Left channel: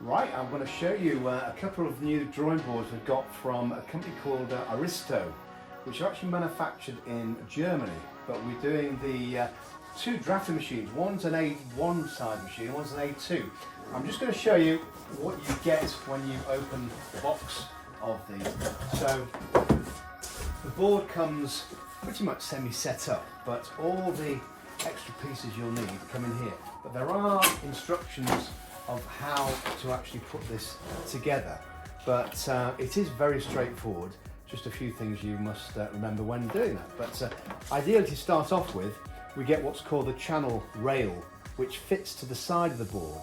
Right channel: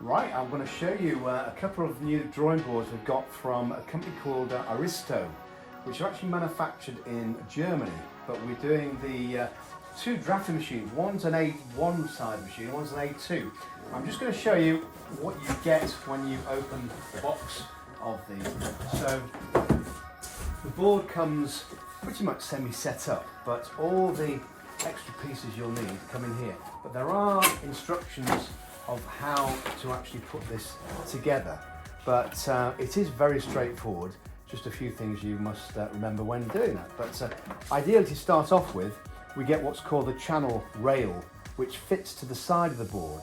Right, I'm going to show you a couple of new drawing boards we've got from a company called Aristo, which are actually manufactured in Germany, but we're doing the two drafting machines. One's an A1 side machine, one's an A2. I'm just going to show you what you get when you open the box of these. So the board comes pretty much semi-set up, but all the extra pieces you'll need come in here. But there are instructions of how to actually put this together, but it is very straightforward. Just a few things you must remember when doing that. But ideally, to start off with, we get what's called the channel rail, which fits to the side of the board.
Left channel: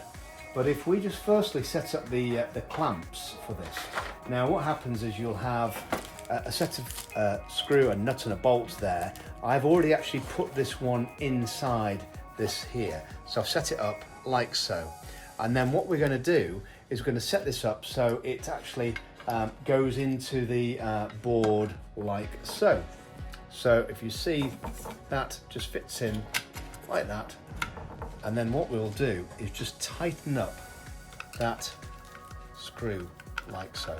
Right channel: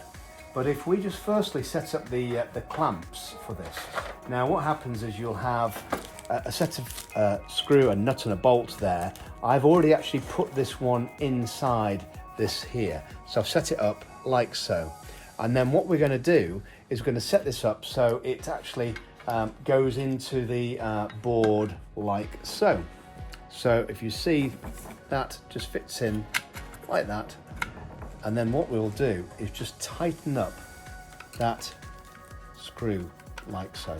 But if we just firstly set up the clamps for this, now what happens is you'll have a set of screw, a nut and a bolt there. I've already actually put this one inside this here, so I've set it up like so. And then what we're going to do is we're going to set this up so it actually goes into the board like so. So if you see, that just fits in like that. And then what we'll do is just tighten up that screw like so.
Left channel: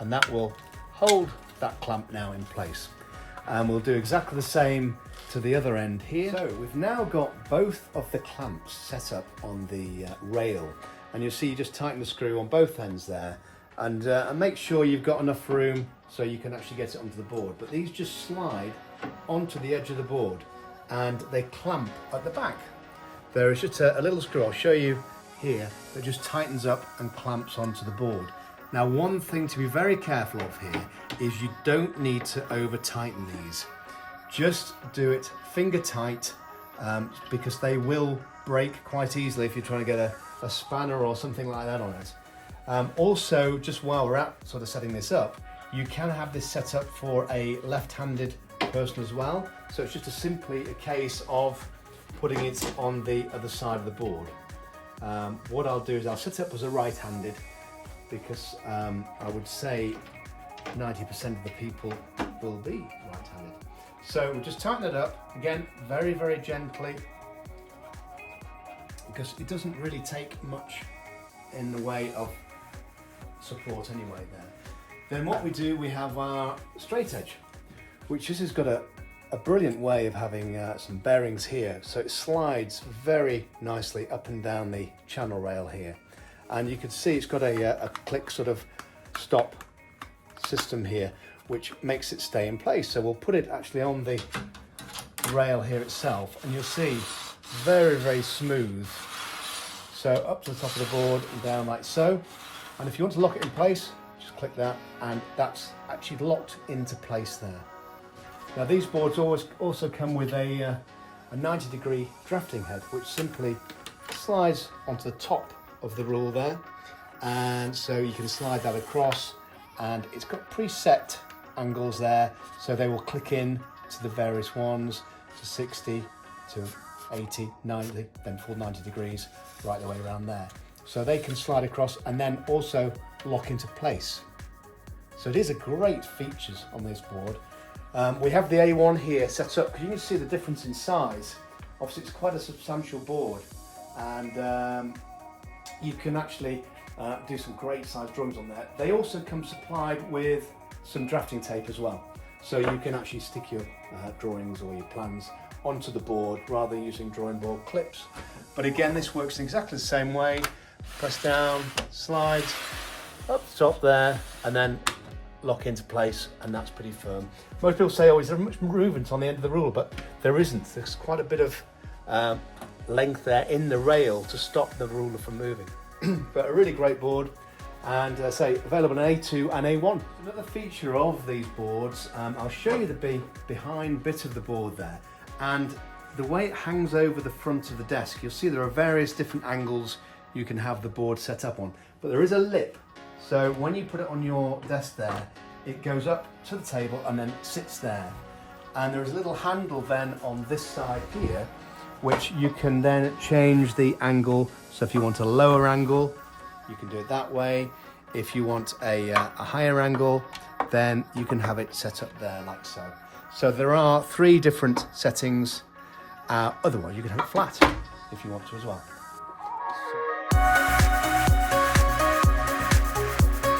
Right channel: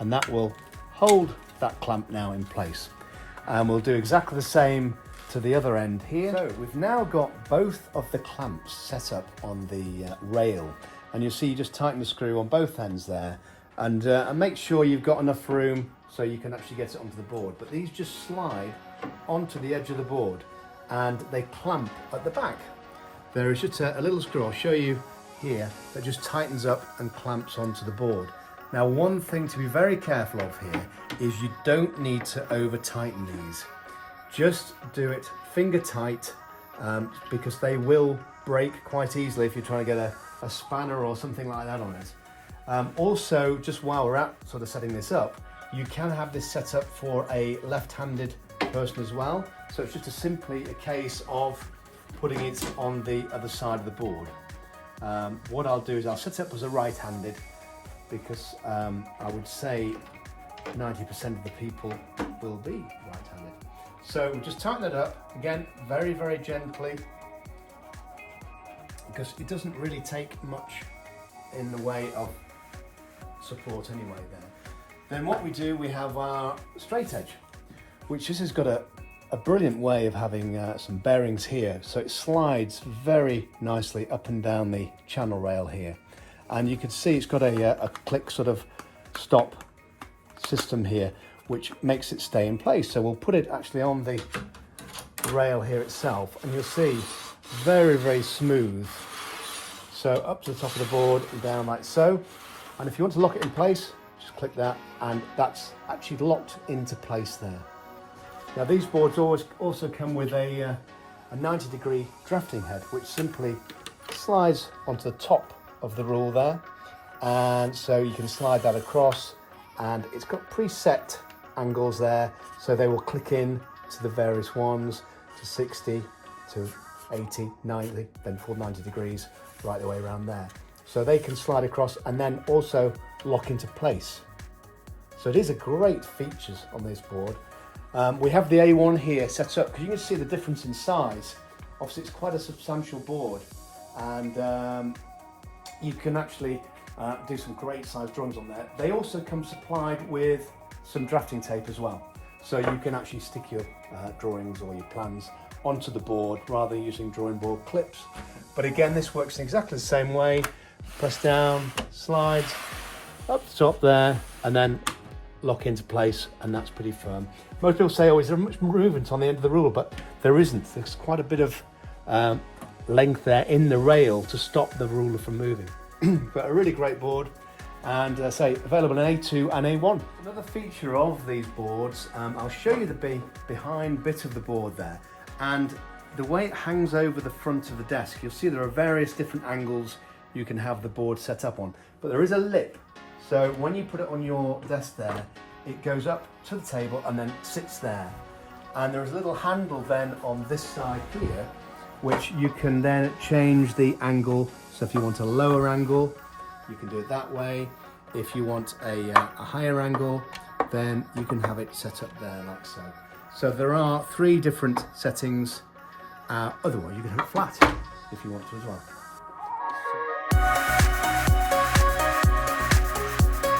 And that will hold that clamp now in place. And we'll do exactly the same to the other end here. So we've now got both of the clamps set up on the rail, and you'll see you just tighten the screw on both ends there, and make sure you've got enough room so you can actually get it onto the board. But these just slide onto the edge of the board and they clamp at the back. There is just a little screw, I'll show you here, that just tightens up and clamps onto the board. Now, one thing to be very careful of here is you don't need to over tighten these. Just do it finger tight, because they will break quite easily if you're trying to get a spanner or something like that on it. Also, just while we're at sort of setting this up, you can have this set up for a left-handed person as well. So it's just simply a case of putting it on the other side of the board. What I'll do is I'll set it up as a right-handed, because I would say 90% of the people will be right-handed. So we'll just tighten it up, again, very, very gently, because it doesn't really take much in the way of support anyway there. Then what we do, we have our straight edge, which this has got a brilliant way of having some bearings here. So it slides very nicely up and down the channel rail here. And you can see it's got a click sort of stop system here, which makes it stay in place. So we'll put it actually on the rail here itself, and you'll see very, very smooth. So up to the top of the board and down like so. And if you want to lock it in place, just click that, and that's actually locked into place there. Now these boards also come with a 90-degree drafting head, which simply slides onto the top of the rule there. And so you can slide that across, and it's got preset angles there, so they will click in to the various ones, to 60, to 80, 90, then full 90 degrees right the way around there. So they can slide across and then also lock into place. So these are great features on this board. We have the A1 here set up, because you can see the difference in size. Obviously it's quite a substantial board, and you can actually do some great size drawings on there. They also come supplied with some drafting tape as well, so you can actually stick your drawings or your plans onto the board rather than using drawing board clips. But again, this works in exactly the same way. Press down, slides up the top there, and then lock into place, and that's pretty firm. Most people say, oh, is there much movement on the end of the rule? But there isn't. There's quite a bit of length there in the rail to stop the ruler from moving. But a really great board, and say available in A2 and A1. Another feature of these boards, I'll show you the behind bit of the board there, and the way it hangs over the front of the desk. You'll see there are various different angles you can have the board set up on, but there is a lip. So when you put it on your desk there, it goes up to the table and then sits there. And there is a little handle then on this side here, which you can then change the angle. So if you want a lower angle, you can do it that way. If you want a higher angle, then you can have it set up there like so. So there are 3 different settings. Otherwise, you can have it flat if you want to as well.